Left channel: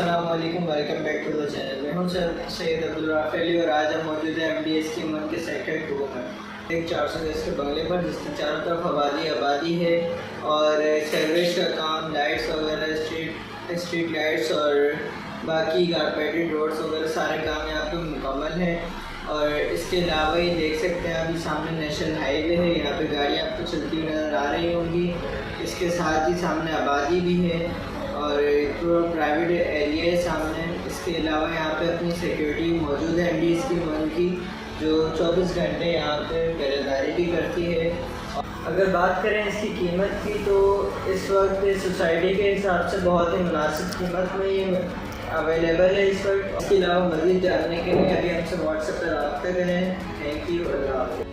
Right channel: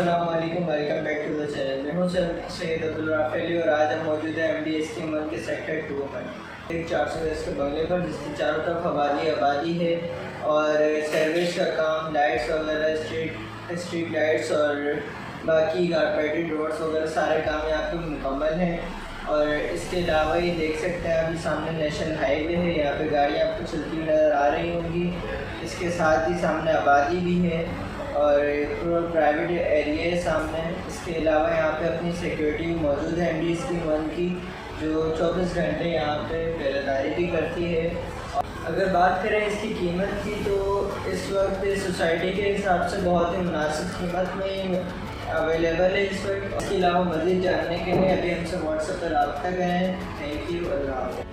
अस्सलामुअलैकुम, welcome back to the channel. मैं हूं सैयद अब्दुल राफेली और आज हम मौजूद है MDS के मन के सेक्टर 2 में एक 410 के बंगले पर, जिसकी चारों तरफ आबादी है और सर्विस का काम, लाइट्स वगैरह, स्ट्रीट लाइट्स और बाकी कारपेटेड रोड्स वगैरह सारे काम यहाँ पे मुकम्मल हैं। और इसके अलावा ये देख सकते हैं अभी सामने नेशनल हाईवे है, यहाँ पे गाड़ियाँ आपको चलती हुई नज़र आ रही होंगी। इसके साथ ही सामने आबादी भी है और पूरा प्राइवेट एरिया है सामने। इसके अलावा यहाँ पे अपनी सिक्योरिटी मौजूद है MDS की वन की, जो 24 घंटे यहाँ पे पहरेदारी भी करती है। अगर बात करें इसकी कीमत की, तो इस वक्त सोसाइटी के हिसाब से बहुत ही मुनासिब कीमत में ये अवेलेबल है इस वक्त। इसके अलावा मज़ीद जानने के लिए अभी हमसे व्हाट्सएप पर रब्ता करें। थैंक यू, अल्लाह हाफ़िज़।